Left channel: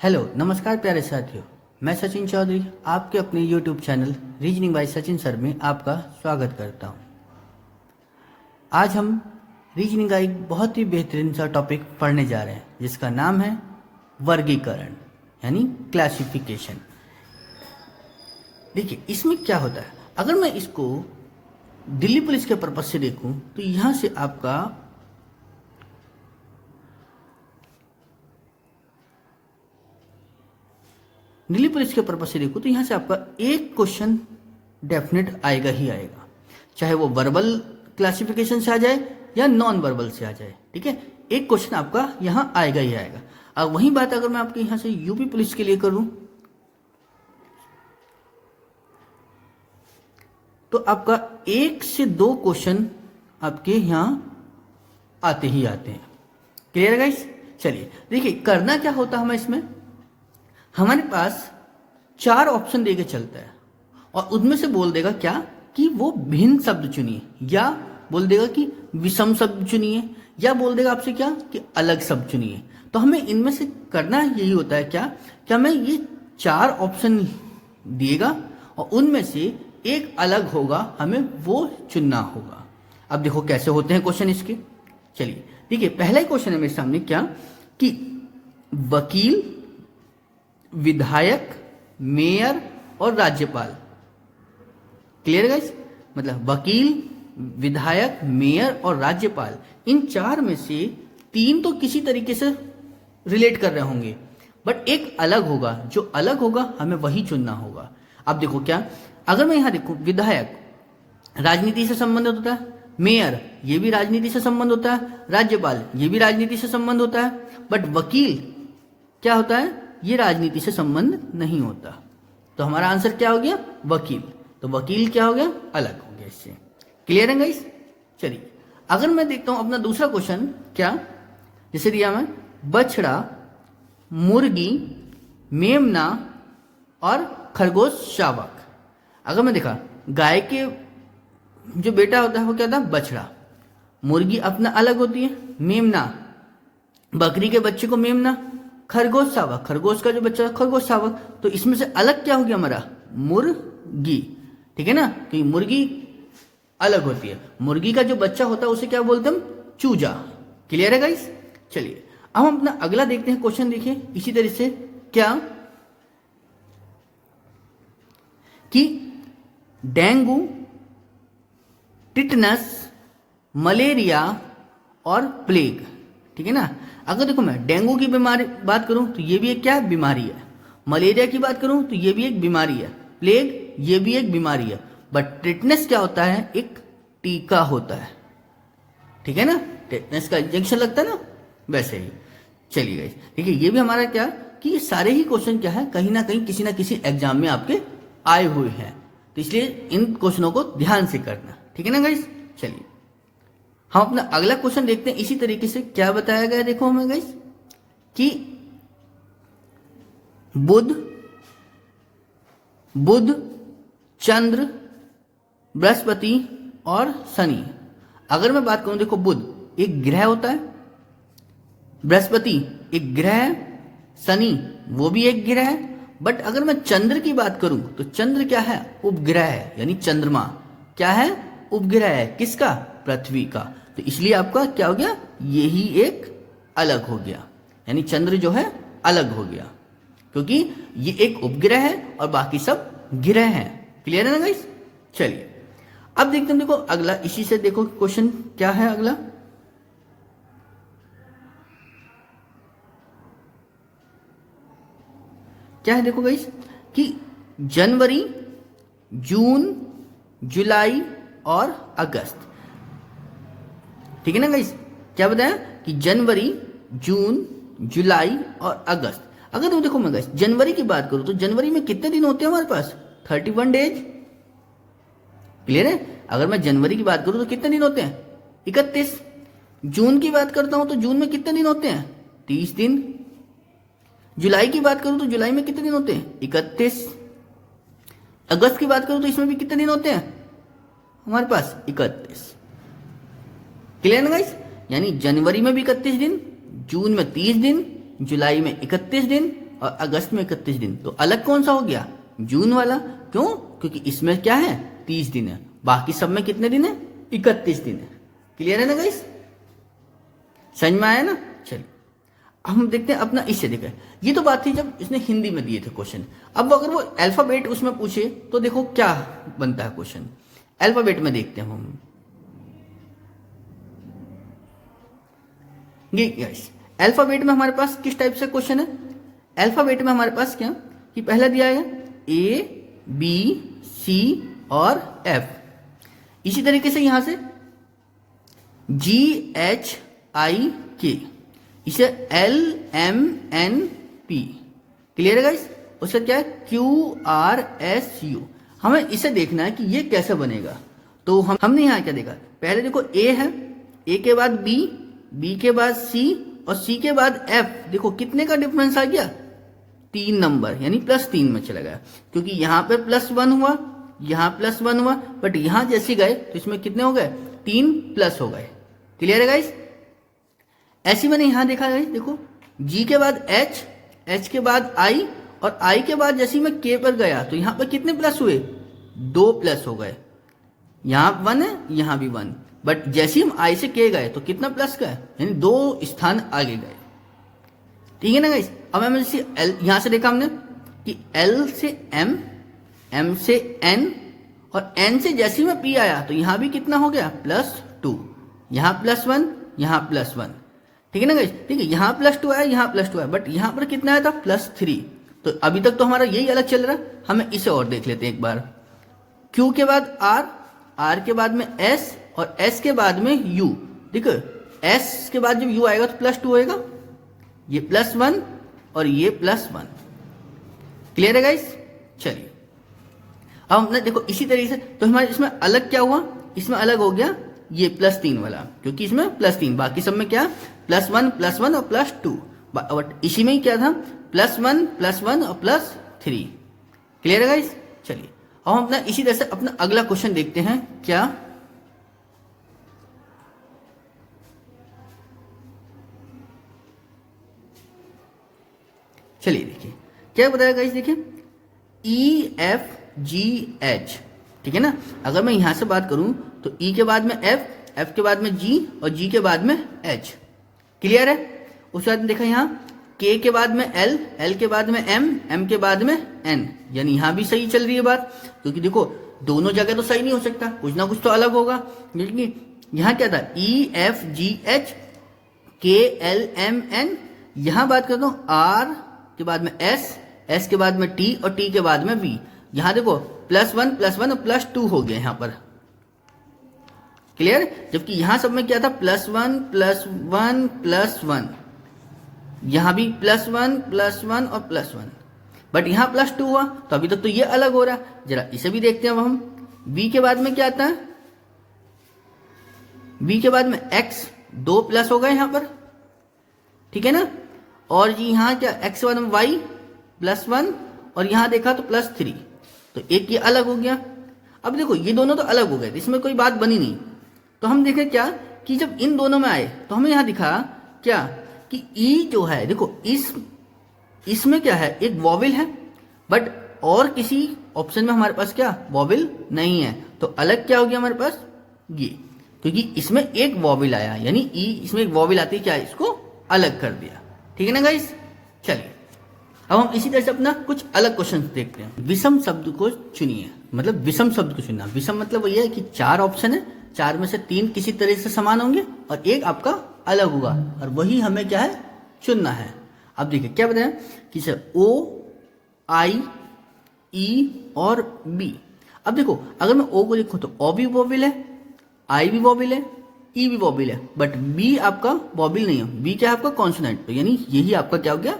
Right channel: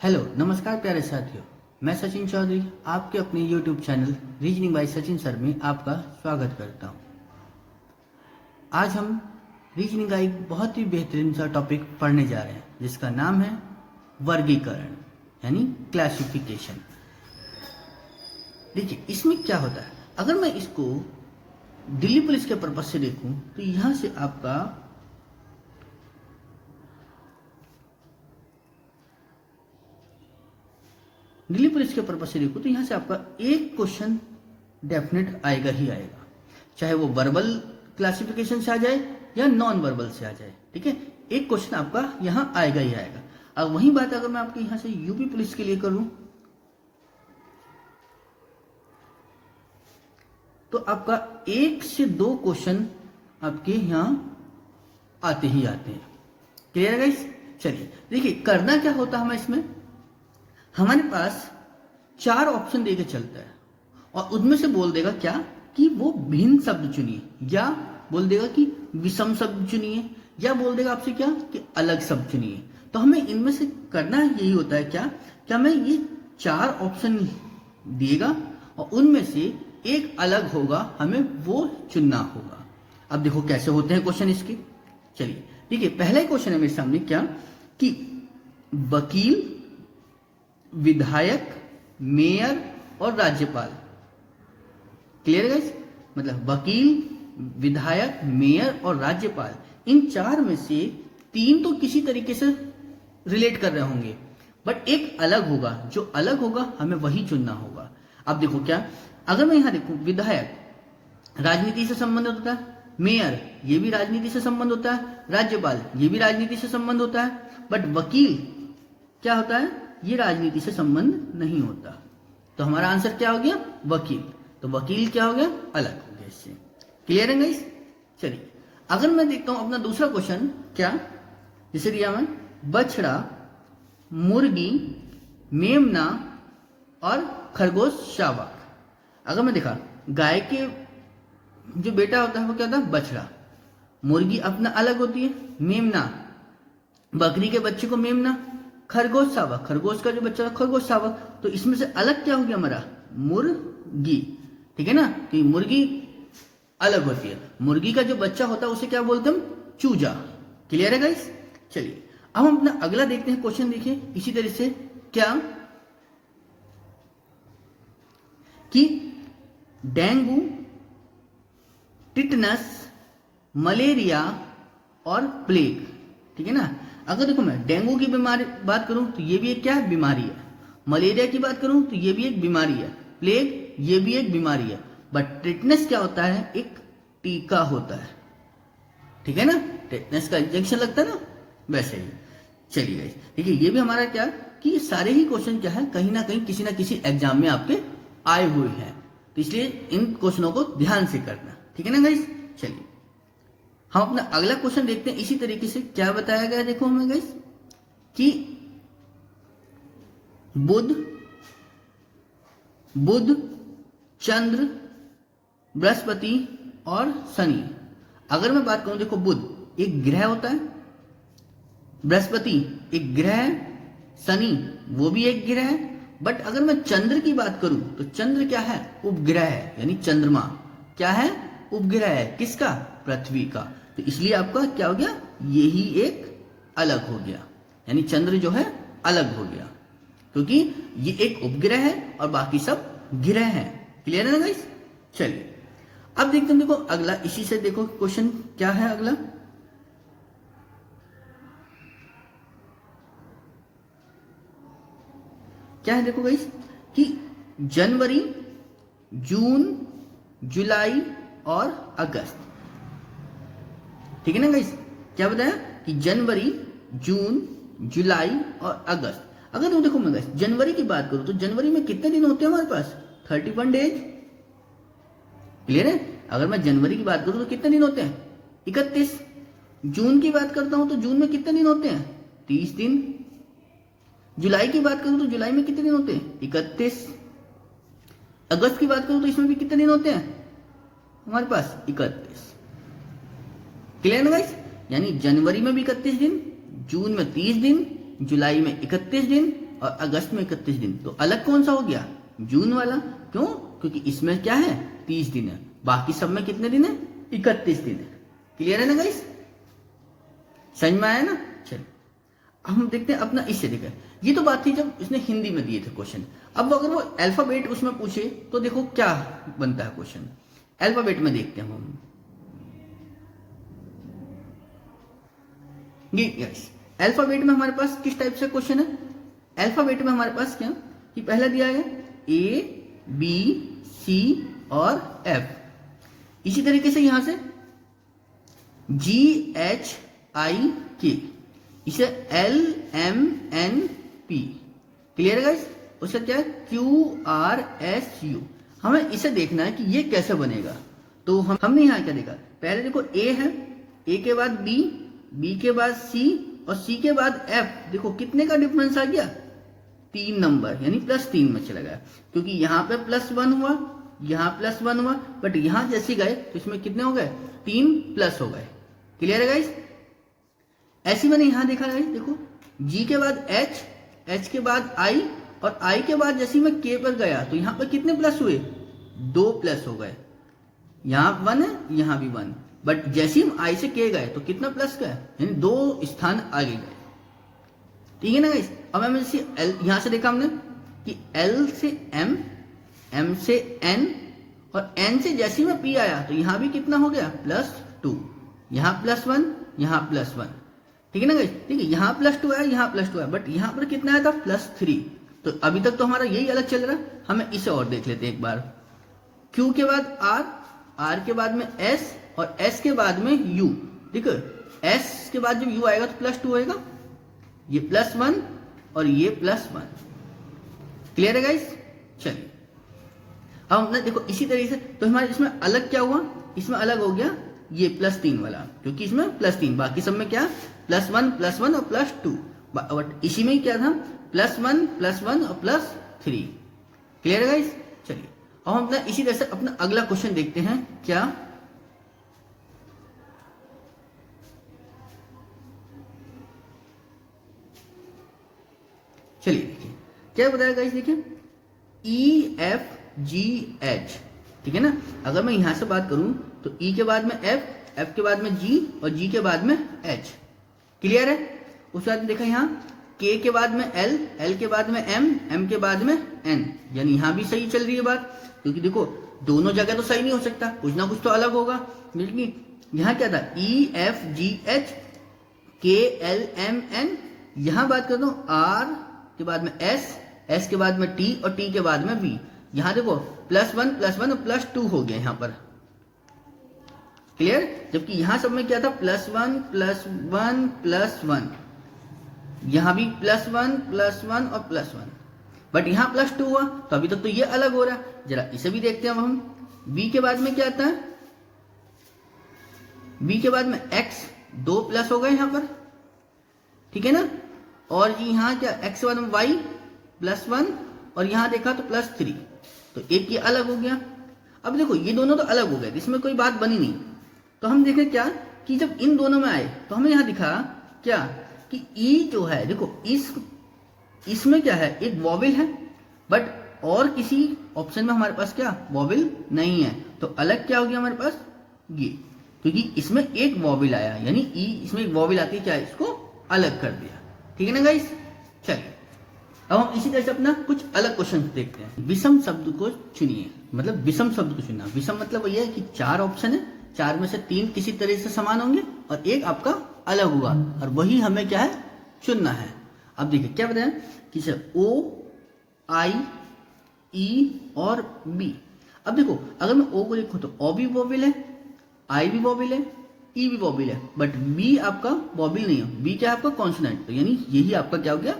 Hello नमस्कार प्यारे साथियों। मैं सचिन चौधरी आपके अपने YouTube channel reasoning bye Sachin sir में आपका स्वागत करता हूं। आज हम रीजनिंग का एक बहुत ही बेहतरीन सा टॉपिक पढ़ने जा रहे हैं जिसका नाम है वर्गीकरण यानी क्लासिफिकेशन। देखिए इसमें क्या होता है, अगर मैं इसको दिल्ली पुलिस के पर्पज से देखूं तो यहां से आपका दिल्ली पुलिस के पर्पज से देखो तो यहां से आपका एक क्वेश्चन डेफिनेट आएगा ही आएगा, चाहे वो वर्बल क्लासिफिकेशन से आ जाए या नॉन वर्बल से आ जाए। ठीक है, एक क्वेश्चन आपका यहां आएगा ही आएगा। अब वही बात अगर मैं आपके यहां से यूपी पुलिस के लिए करूं तो आपका एक से दो क्वेश्चन आपके यहां आते ही आते हैं। क्लियर है गाइस? चलिए देखिए करना क्या होता है, हमें इसमें हमारे पास चार ऑप्शन देके चलता है और उनमें से बोल देगा क्या कि वो भिन्न शब्द चुनिए, या बोल देगा कि विषम शब्द चुनिए, या बोल देगा आपसे क्या कि अलग शब्द चुनिए। तो हमें इनमें से करना यही होता है क्या हमें ये चार ऑप्शन दिएगा और उनमें से एक अलग होगा, हमें वो चुनना होगा। अब देखो कैसे होते हैं क्वेश्चन इसके। चलिए देखिए पहला क्वेश्चन है मेरे सामने क्या कि वकील, विधायक, मेयर और राज्यपाल। Clear guys? मतलब वकील, विधायक, मेयर और राज्यपाल, इन चार में से तीन तो किसी तरीके से रिलेट कर रहे होंगे, बट एक अलग होगा। जो अलग होगा हमें वही चुनना होगा। अब देखो क्या, अगर मैं यहां देखूं विधायक राजनीति से संबंधित होता है, मेयर ये भी राजनीति से संबंध होता है, राज्यपाल ये भी राजनीति से संबंध होता है, बट वकील क्या होता है, ये राजनीति से संबंध नहीं होता। तो हमारा आंसर क्या हो गया? वकील। तो वकील क्या हो गया? अलग हो गया इससे। क्लियर है गाइस? चलिए अगर मैं देखता हूं अपना दूसरा क्वेश्चन, क्या जैसे दिया मैं बछड़ा, मुर्गी, मेमना और खरगोश शावक। अगर मैं देखा गाय के जो बेटा होता है वो क्या था? बछड़ा। मुर्गी अपना अलग होती है, मेमना, बकरी के बच्चे को मेमना, खरगोश शावक, खरगोश का जो बच्चा खरगोश शावक। तो इसमें से अलग क्या हो गया हमारा? मुर्गी। ठीक है ना, तो मुर्गी अलग होती है। मुर्गी का जो बच्चा होता है उसे क्या बोलते हैं? चूजा। क्लियर है गाइस? चलिए अब हम अपना अगला देखते हैं क्वेश्चन। देखिए इसी तरह से क्या कि डेंगू, टिटनस, मलेरिया और प्लेग। ठीक है ना, अगर देखो मैं डेंगू की बीमारी बात करूं तो ये भी एक क्या बीमारी है, मलेरिया की बात करूं तो ये भी एक बीमारी है, प्लेग ये भी एक बीमारी है, बट टिटनेस क्या होता है? एक टीका होता है। ठीक है ना, टिटनेस का इंजेक्शन लगता है ना, वैसे ही। चलिए गाइस देखिए ये भी हमारा क्या कि ये सारे ही क्वेश्चन क्या है, कहीं ना कहीं किसी ना किसी एग्जाम में आपके आए हुए हैं, तो इसलिए इन क्वेश्चनों को ध्यान से करना। ठीक है ना गाइस? चलिए हम अपना अगला क्वेश्चन देखते हैं। इसी तरीके से क्या बताया गया देखो हमें गाइस कि बुध, चंद्र, बृहस्पति और शनि। अगर मैं बात करूं देखो बुध एक ग्रह होता है, बृहस्पति एक ग्रह है, शनि वो भी एक ग्रह है, बट अगर मैं चंद्र की बात करूं तो चंद्र क्या है? उपग्रह है, यानी चंद्रमा क्या है? उपग्रह है। किसका? पृथ्वी का। तो इसलिए आपका क्या हो गया? यही एक अलग हो गया, यानी चंद्र जो है अलग हो गया, क्योंकि ये एक उपग्रह है और बाकी सब ग्रह हैं। क्लियर है ना गाइस? चलिए अब देखते हैं, देखो अगला इसी से देखो क्वेश्चन क्या है अगला। क्या है देखो गाइस कि जनवरी, जून, जुलाई और अगस्त। ठीक है ना गाइस? क्या बताया कि जनवरी, जून, जुलाई और अगस्त। अगर तुम देखो मैं गाइस जनवरी की बात करूं तो जनवरी में कितने दिन होते हैं हमारे पास? 31 डेज। क्लियर है? अगर मैं जनवरी की बात करूं तो कितने दिन होते हैं? 31। जून की बात करता हूं तो जून में कितने दिन होते हैं? 30 दिन। जुलाई की बात करूं तो जुलाई में कितने दिन होते हैं? 31। अगस्त की बात करूं तो इसमें भी कितने दिन होते हैं हमारे पास? 31। क्लियर है गाइस? यानी जनवरी में भी 31 दिन, जून में 30 दिन, जुलाई में 31 दिन और अगस्त में 31 दिन, तो अलग कौन सा हो गया? जून वाला। क्यों? क्योंकि इसमें क्या है? 30 दिन है, बाकी सब में कितने दिन है? 31 दिन है। क्लियर है ना गाइस? समझ में आया ना? चलिए अब हम देखते हैं अपना इससे देखें। ये तो बात थी जब इसने हिंदी में दिए थे क्वेश्चन। अब अगर वो अल्फाबेट उसमें पूछे तो देखो क्या बनता है क्वेश्चन। अल्फाबेट में देखते हैं हम। ये गाइस अल्फाबेट में हमारे पास किस टाइप से क्वेश्चन है? अल्फाबेट में हमारे पास क्या कि पहला दिया है ए बी सी और एफ। इसी तरीके से यहां से जी एच आई के, इसे L M N P. Clear है गाइस? उसका क्या है? Q R S U. हमें इसे देखना है कि ये कैसे बनेगा। तो हमने यहां क्या देखा? पहले देखो ए है, ए के बाद बी, बी के बाद सी और सी के बाद एफ। देखो कितने का डिफरेंस आ गया? 3 नंबर, यानी +3 में चला गया। क्योंकि यहां पे +1 हुआ, यहां +1 हुआ, बट यहां जैसे गए तो इसमें कितने हो गए? 3 प्लस हो गए। क्लियर है गाइस? ऐसी मैंने यहां देखा है, देखो जी के बाद एच, एच के बाद आई और आई के बाद जैसे मैं के पर गया तो यहां पर कितने प्लस हुए? 2 प्लस हो गए। यहां 1 है, यहां भी 1, बट जैसे हम आई से के गए तो कितना प्लस का है? यानी 2 स्थान आगे गए। ठीक है ना गाइस? अब हमें यहां से देखा हमने कि एल से एम, एम से एन और एन से जैसे में पी आया तो यहां भी कितना हो गया? +2। यहां +1, यहां +1। ठीक है ना गाइस? ठीक है, यहां +2 आया, यहां +2 आया, बट यहां पर कितना आया था? +3। तो अभी तक तो हमारा यही अलग चल रहा है। हमें इसे और देख लेते हैं एक बार। क्यू के बाद आर, आर के बाद में एस और एस के बाद में यू। ठीक है, एस के बाद जब यू आएगा तो +2 होएगा, ये +1 और ये +1। क्लियर है गाइस? चलिए अब हमने देखो इसी तरीके से तो हमारे इसमें अलग क्या हुआ? इसमें अलग हो गया ये +3 वाला, क्योंकि इसमें +3, बाकी सब में क्या? +1 +1 और +2। बट इसी में ही क्या था? +1 +1 और +3। क्लियर है गाइस? चलिए अब हम अपना इसी तरह से अपना अगला क्वेश्चन देखते हैं। क्या? चलिए देखिए क्या बताया गाइस। देखिए ई एफ जी एच। ठीक है ना? अगर मैं यहां से बात करूं तो ई के बाद में एफ, एफ के बाद में जी और जी के बाद में एच। क्लियर है? उसके बाद देखा यहाँ के के बाद में एल, एल के बाद में एम, एम के बाद में एन। यानी यहां भी सही चल रही है बात, क्योंकि देखो दोनों जगह तो सही नहीं हो सकता, कुछ ना कुछ तो अलग होगा। लेकिन यहां क्या था? ई एफ जी एच के एल एम एन। यहां बात करता हूं आर के बाद में एस, एस के बाद में टी और टी के बाद में वी। यहां देखो +1 +1 और +2 हो गया यहां पर। क्लियर? जबकि यहां सब में क्या था? +1 +1 +1। यहां भी +1 +1 और +1, बट यहां +2 हुआ तो अभी तक तो ये अलग हो रहा है। जरा इसे भी देखते हैं अब हम। बी के बाद में क्या आता है? बी के बाद में x, 2 प्लस हो गए यहां पर। ठीक है ना? और जी यहां क्या? x के बाद में y +1 और यहां देखा तो +3, तो एक ये अलग हो गया। अब देखो ये दोनों तो अलग हो गए, इसमें कोई बात बनी नहीं। तो हम देखें क्या कि जब इन दोनों में आए तो हमें यहां दिखा क्या कि ई जो है, देखो इसमें क्या है? एक वॉवेल है, बट और किसी ऑप्शन में हमारे पास क्या? वॉवेल नहीं है। तो अलग क्या हो गया हमारे पास? ये, क्योंकि इसमें एक वॉवेल आया, यानी ई इसमें एक वॉवेल आती है, क्या? इसको अलग कर दिया। ठीक है ना गाइस? चलिए अब हम इसी तरह से अपना कुछ अलग क्वेश्चन देखते हैं। विषम शब्द को चुनिए, मतलब विषम शब्द को चुनना। विषम मतलब ये है कि 4 ऑप्शन है, 4 में से 3 किसी तरह से समान होंगे और एक आपका अलग होगा, और वही हमें क्या है? चुनना है। अब देखिए क्या बताया कि O, I, E और B। अब देखो अगर मैं O को देखूं तो O भी वॉवेल है, I भी वॉवेल है, E भी वॉवेल है, बट B आपका वॉवेल नहीं है। B क्या है? आपका कॉन्सोनेंट। तो यानी यही आपका क्या हो गया?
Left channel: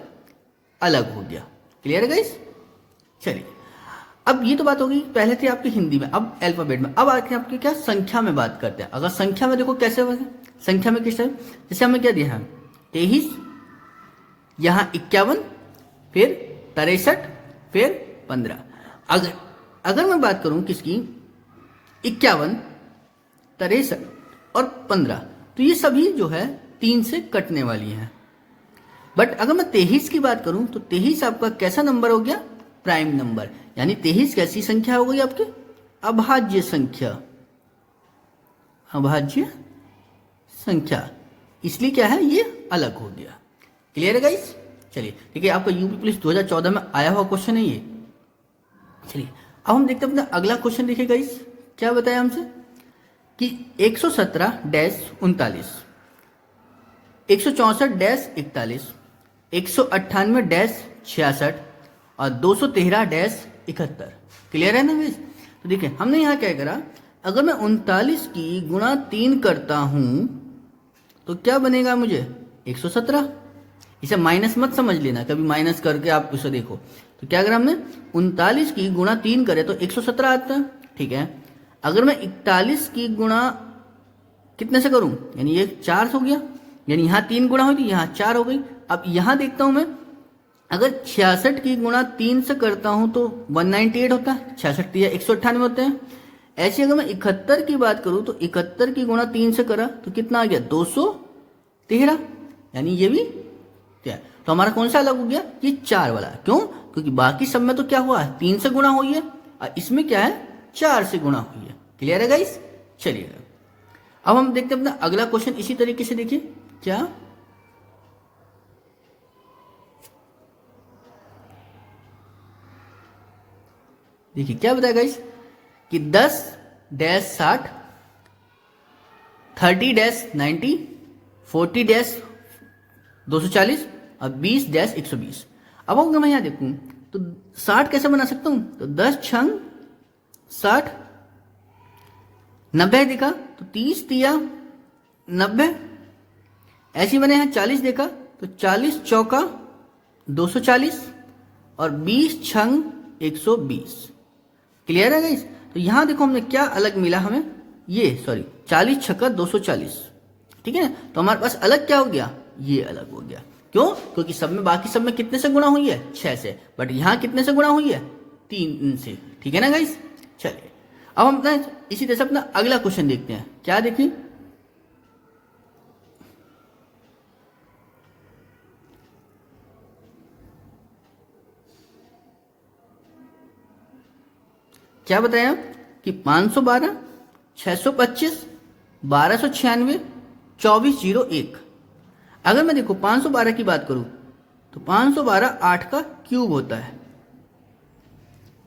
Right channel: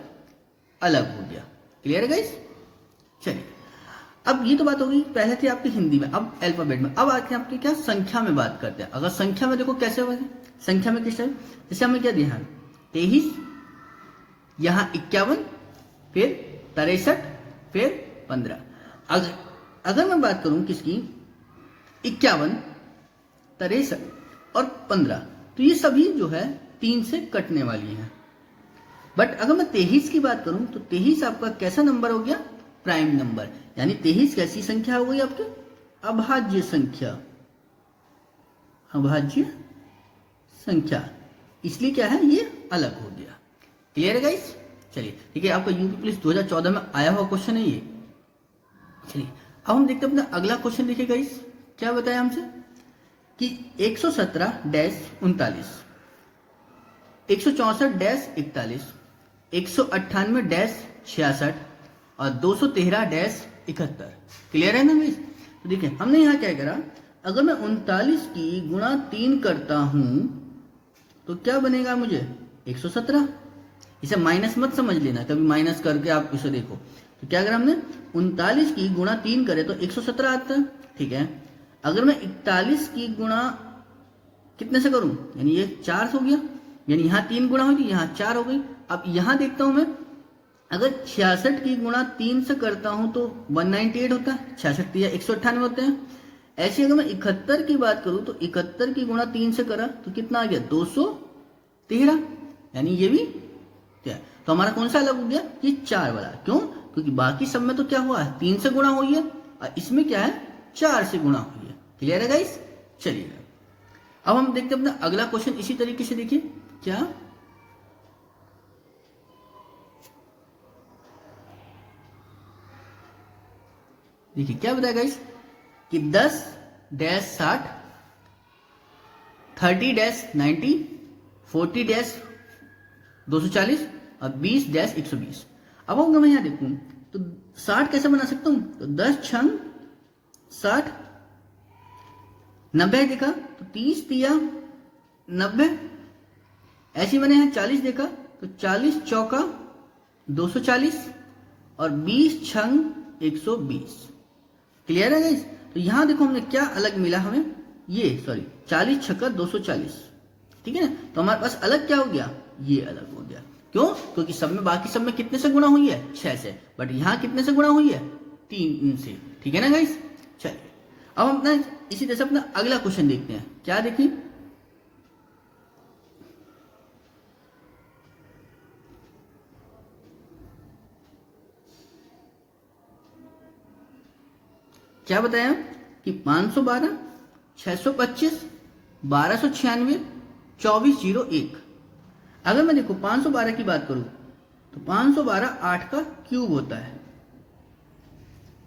अलग हो गया। क्लियर है गाइस? चलिए अब ये तो बात होगी पहले थी आपकी हिंदी में, अब अल्फाबेट में। अब आके आपकी क्या? संख्या में बात करते हैं। अगर संख्या में देखो कैसे होगा? संख्या में किस टाइप? जैसे हमें क्या दिया है? 23, यहां 51, फिर 63, फिर 15। अगर मैं बात करूं किसकी? 51, 63 और 15, तो ये सभी जो है 3 से कटने वाली है। बट अगर मैं 23 की बात करूं तो 23 आपका कैसा नंबर हो गया? Prime number. यानी 23 कैसी संख्या हो गई आपकी? अभाज्य संख्या। अभाज्य संख्या, इसलिए क्या है, ये अलग हो गया। क्लियर है गाइस? चलिए ठीक है, आपका यूपी पुलिस 2014 में आया हुआ क्वेश्चन है ये। चलिए अब हम देखते हैं अपना अगला क्वेश्चन। देखिए गाइस क्या बताया हमसे कि 117-39, 164-41, 198-66 और 213-71। क्लियर है ना गाइस? तो देखिए हमने यहाँ क्या करा, अगर मैं 39 की गुणा 3 करता हूं तो क्या बनेगा मुझे? 117। इसे माइनस मत समझ लेना, कभी माइनस करके आप इसे देखो। तो क्या करा हमने, 39 की गुणा 3 करे तो 117 आता है। ठीक है, अगर मैं 41 की गुणा कितने से करूं, यानी ये 4 हो गया, यानी यहां 3 गुणा होगी, यहां 4 हो गई। अब यहां देखता हूं मैं, अगर 66 की गुणा 3 से करता हूं तो 198 होता है, 66 या 198 होते हैं। ऐसे अगर मैं 71 की बात करूं तो 71 की गुणा 3 से करा तो कितना आ गया? 213, यानी ये भी क्या, तो हमारा कौन सा अलग हो गया? ये 4 वाला। क्यों? क्योंकि बाकी सब में तो क्या हुआ है, 3 से गुणा हुई है, और इसमें क्या है, 4 से गुणा हुई है। क्लियर है गाइस? चलिए अब हम देखते हैं अपना अगला क्वेश्चन इसी तरीके से। देखिए क्या, देखिए क्या बताया गाइस कि 10-60, 30-90, 40-240 और 20-120। अब अगर मैं यहां देखूं तो 60 कैसे बना सकता हूं, तो 10 छंग 60, 90 देखा तो 30 दिया 90, ऐसी मैंने यहां 40 देखा तो 40 चौका 240 और 20 छंग 120। क्लियर है गाइस? तो यहां देखो हमने क्या अलग मिला हमें, ये 40 छक्का 240। ठीक है, तो हमारे पास अलग क्या हो गया, ये अलग हो गया। क्यों? क्योंकि सब में, बाकी सब में कितने से गुणा हुई है? 6 से, बट यहां कितने से गुणा हुई है? 3 से। ठीक है ना गाइस? चलिए अब हम अपना इसी तरह से अपना अगला क्वेश्चन देखते हैं। क्या देखिए, क्या बताया कि 512, 625, 1296, 2401। अगर मैं देखो 512 की बात करूं तो 512 8 का क्यूब होता है।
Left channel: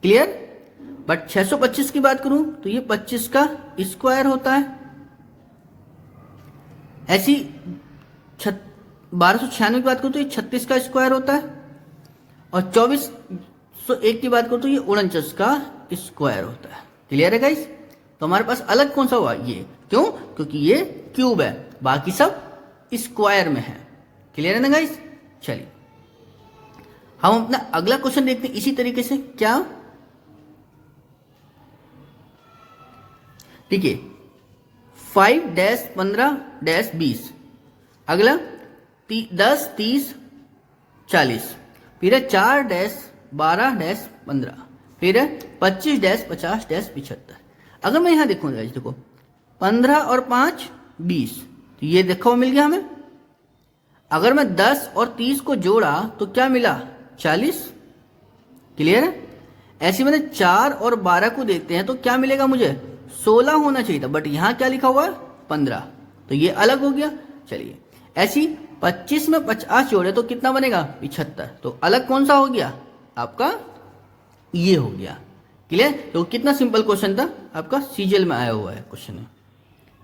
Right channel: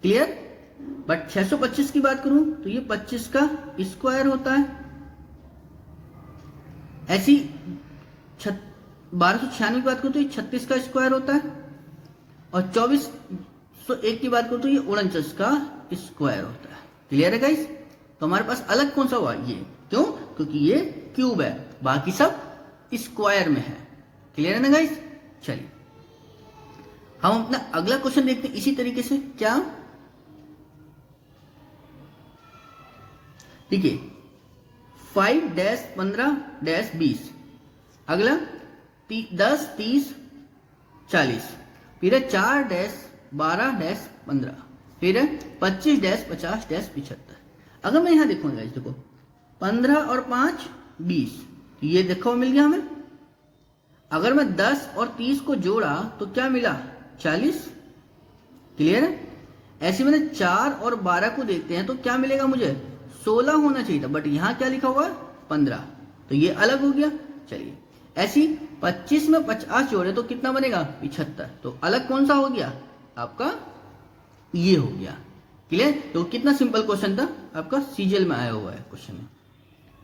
क्लियर? बट 625 की बात करूं तो ये 25 का स्क्वायर होता है। ऐसी 1296 की बात करूं तो ये 36 का स्क्वायर होता है। और 2401 की बात करूं तो ये 49 का स्क्वायर होता है। क्लियर है गाइस? तो हमारे पास अलग कौन सा हुआ, ये। क्यों? क्योंकि ये क्यूब है, बाकी सब स्क्वायर में है। क्लियर है ना गाइस? चलिए हम अपना अगला क्वेश्चन देखते हैं इसी तरीके से। क्या, देखिए 5-15-20। अगला 10, 30, 40। फिर है 4-12-15। फिर है 25-50-75। अगर मैं यहां देखूंगा, देखो 15 और 5 20, तो ये देखो मिल गया हमें। अगर मैं 10 और 30 को जोड़ा तो क्या मिला? 40। क्लियर है? ऐसे मैंने 4 और 12 को देखते हैं तो क्या मिलेगा मुझे? 16 होना चाहिए था, बट यहां क्या लिखा हुआ है? 15, तो ये अलग हो गया। चलिए ऐसी 25 में 50 जोड़े तो कितना बनेगा? 75। तो अलग कौन सा हो गया आपका? ये हो गया। क्लियर? तो कितना सिंपल क्वेश्चन था आपका, सीजीएल में आया हुआ है क्वेश्चन है।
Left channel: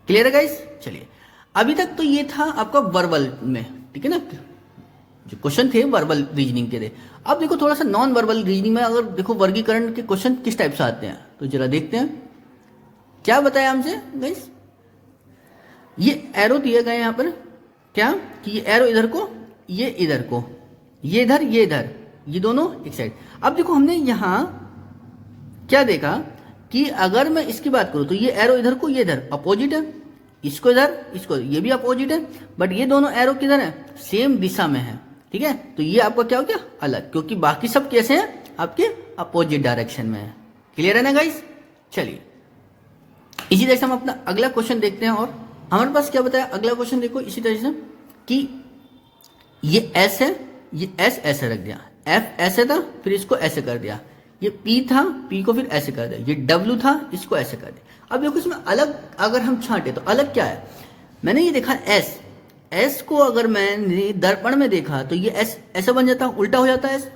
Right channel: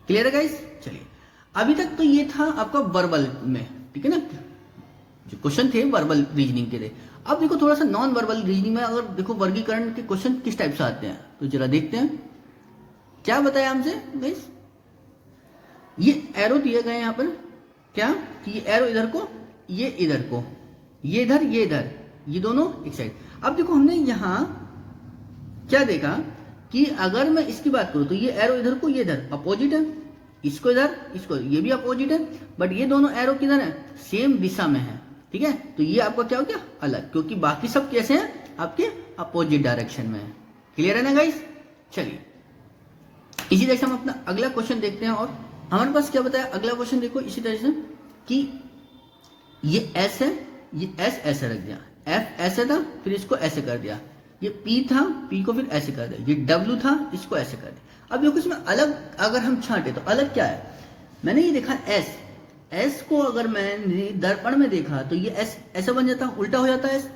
क्लियर है गाइस? चलिए अभी तक तो ये था आपका वर्बल में, ठीक है ना, जो क्वेश्चन थे वर्बल रीजनिंग के थे। अब देखो थोड़ा सा नॉन वर्बल रीजनिंग में, अगर देखो वर्गीकरण के क्वेश्चन किस टाइप से आते हैं तो जरा देखते हैं। क्या बताया हमसे गाइस, ये एरो दिया गया यहाँ पर, क्या कि ये एरो इधर को, ये इधर को, ये इधर, ये इधर, ये दोनों एक साइड। अब देखो हमने यहां क्या देखा कि अगर मैं इसकी बात करूं तो ये एरो इधर को, ये इधर अपोजिट है, इसको इधर, इसको ये भी अपोजिट है, बट ये दोनों एरो किधर है? सेम दिशा में है। ठीक है, तो ये आपका क्या हो गया? अलग, क्योंकि बाकी सब कैसे हैं? आपके अपोजिट डायरेक्शन में है। क्लियर है ना गाइस? चलिए इसी तरह से हम अपना अगला क्वेश्चन देखते हैं। और हमारे पास क्या बताया अगला क्वेश्चन, देखो इसी तरह से कि ये एस है, ये एस ऐसे रख दिया, एफ ऐसे था फिर इसको ऐसे कर दिया, ये पी था, पी को फिर ऐसे कर दिया, ये डब्ल्यू था इसको ऐसे कर दिया। अब देखो इसमें अलग अगर हम छांटे तो अलग क्या है, मैंने ये देखा एस, एस को अगर मैंने दर्पण में देखा तो ये एस ऐसा बन जाता, उल्टा हो जाता है एस।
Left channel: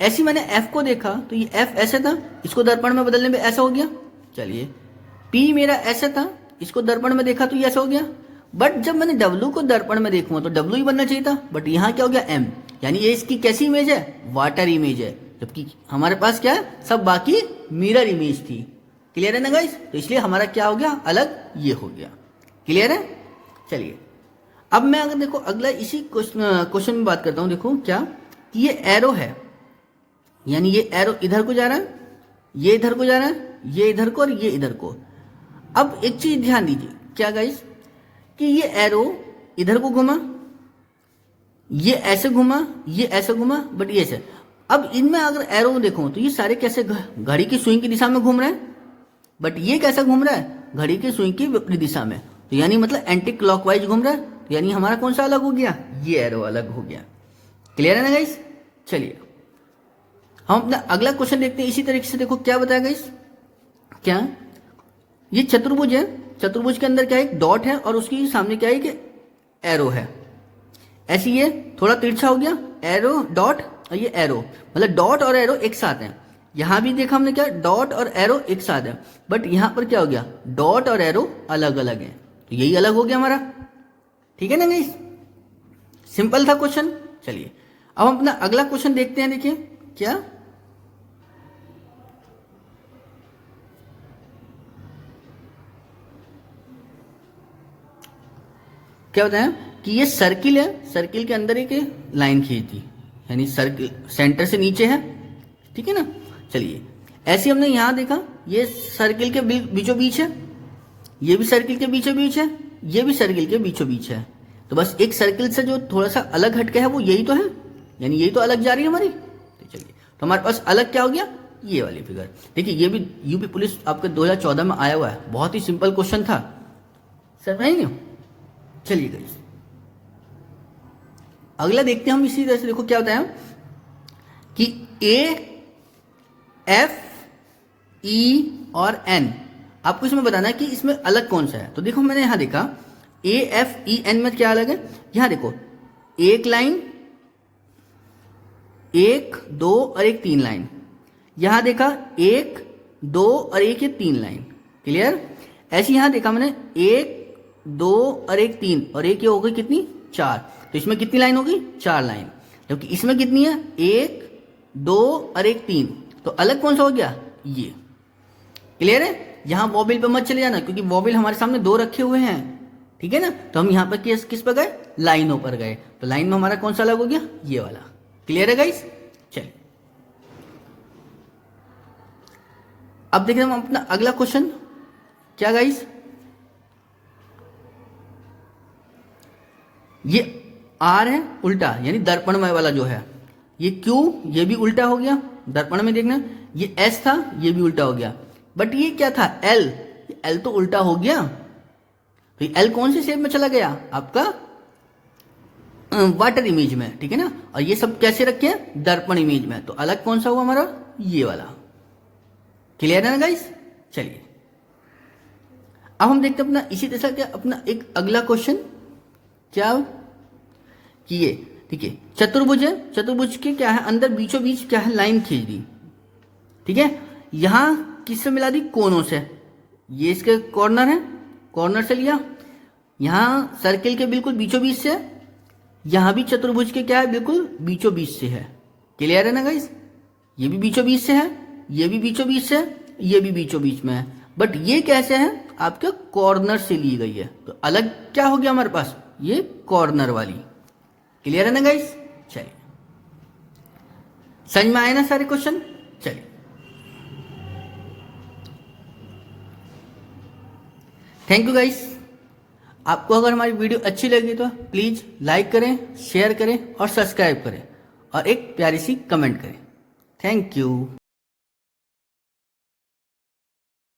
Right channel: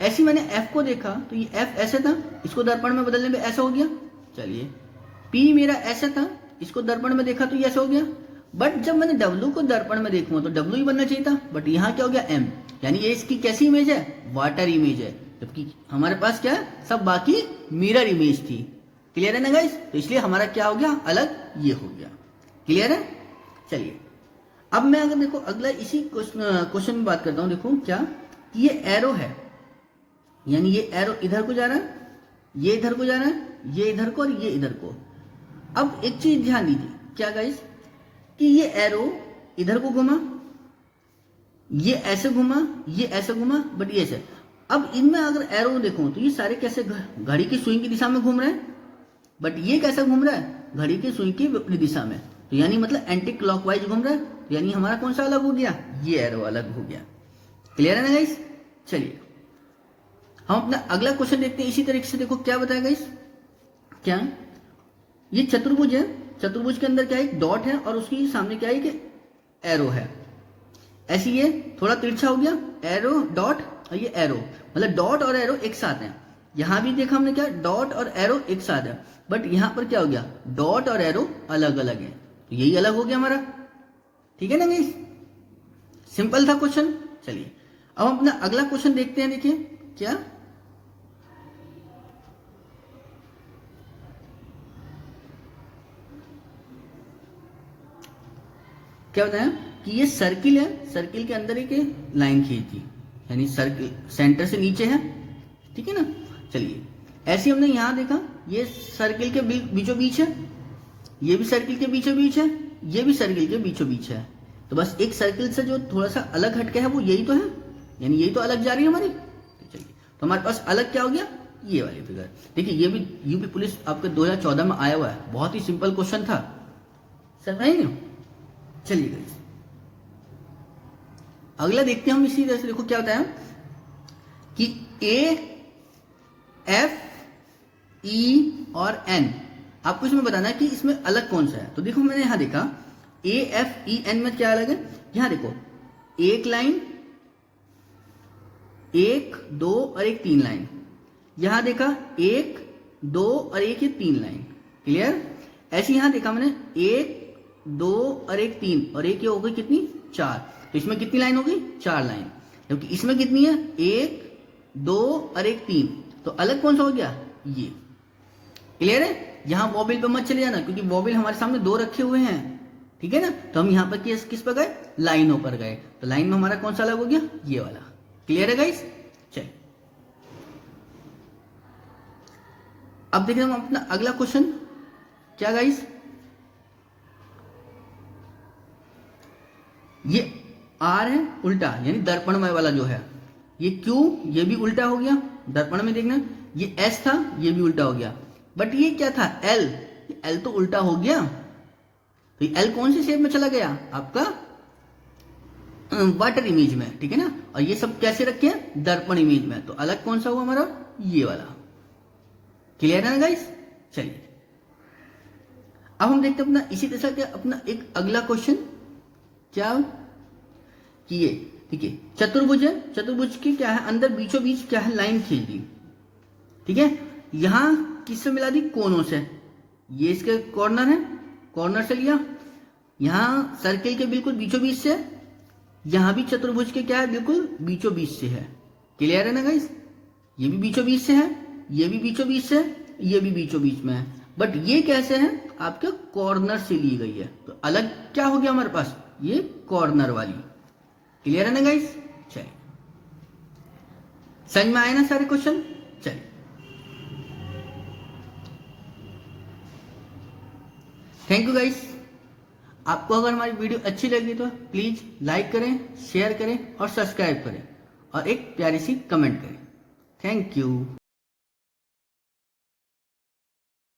ऐसी मैंने एफ को देखा तो ये एफ ऐसे था, इसको दर्पण में बदलने में ऐसा हो गया। चलिए पी मेरा ऐसा था, इसको दर्पण में देखा तो ये ऐसा हो गया। बट जब मैंने डब्ल्यू को दर्पण में देखूंगा तो डब्ल्यू ही बनना चाहिए था, बट यहाँ क्या हो गया एम, यानी ये इसकी कैसी इमेज है, वाटर इमेज है, जबकि हमारे पास क्या है, सब बाकी मिरर इमेज थी। क्लियर है ना गाइस, तो इसलिए हमारा क्या हो गया, अलग ये हो गया। क्लियर है। चलिए अब मैं अगर देखो अगला इसी क्वेश्चन में बात करता हूं, देखो क्या, ये एरो है, यानी ये एरो इधर को जा रहा है, ये इधर को जा रहा है, ये इधर को और ये इधर को। अब एक चीज ध्यान दीजिए क्या गाइस, कि ये एरो इधर को घुमा, ये ऐसे घुमा, ये ऐसे घुमा, बट ये ऐसे। अब इनमें अगर एरो देखो तो ये सारे कैसे घड़ी की सुई की दिशा में घूम रहे हैं, बट ये कैसा घूम रहा है, घड़ी की सुई की विपरीत दिशा में, तो यानी मतलब एंटी क्लॉकवाइज घूम रहा है, तो यानी हमारा कौन सा अलग हो गया, ये एरो अलग हो गया। क्लियर है ना गाइस। चलिए हम अपना अगला क्वेश्चन देखते हैं इसी तरीके से। देखो क्या बताया गाइस, क्या, ये चतुर्भुज है, चतुर्भुज के अंदर क्या है, एक डॉट है और उसके सामने क्या है कि एरो है। ऐसी ये थोड़ा तिरछा हो गया, एरो डॉट और ये एरो, मतलब डॉट और एरो एक साथ हैं। यहां भी देखा हमने क्या, डॉट और एरो एक साथ है, बट यहां पर क्या हो गया, डॉट और एरो अलग अलग है, तो यही अलग हो गया हमारा। ठीक है ना गाइस, सिंपल था क्वेश्चन। चलिए अब हम अपना अगला क्वेश्चन देखते हैं। देखिए क्या, क्या बताया कि ये सर्किल है, सर्किल के अंदर एक लाइन खींच दी, यानी सर्किल सेंटर से नीचे है। ठीक है ना। चलिए ऐसे हमने यहां देखा, ये सर्किल के बीचों बीच है, ये भी सर्किल के बीचों बीच है, ये भी सर्किल के बीचों बीच है, तो बस एक सर्किल से जो थोड़ा सा अलग हटके है वो यही तो है, यानी यही तो अलग जा रही है हमारी। तो चलिए तो हमारे पास अलग क्या हो गया, ये वाली फिगर। देखिए ये भी यूपी पुलिस आपके 2014 में आया हुआ है, बहुत ही सिंपल क्वेश्चन था, समझ गए। चलिए गाइस अगला देखते हैं हम इसी तरह से। देखो क्या बताया कि ए एफ ई और एन, आपको इसमें बताना है कि इसमें अलग कौन सा है। तो देखो मैंने यहां देखा ए एफ ई एन में क्या अलग है, यहां देखो एक लाइन, एक दो और एक तीन लाइन, यहां देखा एक दो और एक ये तीन लाइन। क्लियर। ऐसे यहां देखा मैंने एक दो और एक तीन, और एक ये हो गई कितनी, चार, तो इसमें कितनी लाइन होगी, चार लाइन, क्योंकि इसमें कितनी है, एक दो और एक तीन, तो अलग कौन सा हो गया, ये। क्लियर है। यहां वॉबिल पे मत चले जाना, क्योंकि वॉबिल हमारे सामने दो रखे हुए हैं, ठीक है ना, तो हम यहां पर किस पर गए, लाइनों पर गए, तो लाइन में हमारा कौन सा अलग हो गया, ये वाला। क्लियर है गाइस। चलिए अब देखते हैं हम अपना अगला क्वेश्चन, क्या गाइस, ये आर है उल्टा, यानी दर्पणमय वाला जो है, ये क्यू, ये भी उल्टा हो गया, दर्पण में देखना, ये एस था, ये भी उल्टा हो गया, बट ये क्या था, एल, एल तो उल्टा हो गया, तो एल कौन से शेप में चला गया, आपका वाटर इमेज में, ठीक है ना, और ये सब कैसे रखे हैं, दर्पण इमेज में, तो अलग कौन सा हुआ हमारा, ये वाला। क्लियर है ना गाइस। चलिए अब हम देखते हैं अपना इसी तरह का अपना एक अगला क्वेश्चन, क्या कि ये देखिए चतुर्भुज है, चतुर्भुज के क्या है, अंदर बीचों बीच क्या है, लाइन खींच दी, ठीक है, यहां किससे मिला दी, कोनों से, ये इसके कॉर्नर है, कॉर्नर से लिया, यहां सर्किल के बिल्कुल बीचों बीच से, यहां भी चतुर्भुज के क्या है, बिल्कुल बीचों बीच से है। क्लियर है ना गाइस, ये भी बीचों बीच से है, ये भी बीचों बीच से है, ये भी बीचों बीच में है, बट ये कैसे है, आपके कॉर्नर से ली गई है, तो अलग क्या हो गया हमारे पास, ये कॉर्नर वाली। क्लियर है ना गाइस। चलिए समझ में आए ना सारे क्वेश्चन। चलिए थैंक यू गाइस। आपको अगर हमारी वीडियो अच्छी लगी तो प्लीज लाइक करें, शेयर करें और सब्सक्राइब करें, और एक प्यारी सी कमेंट करें। Thank you.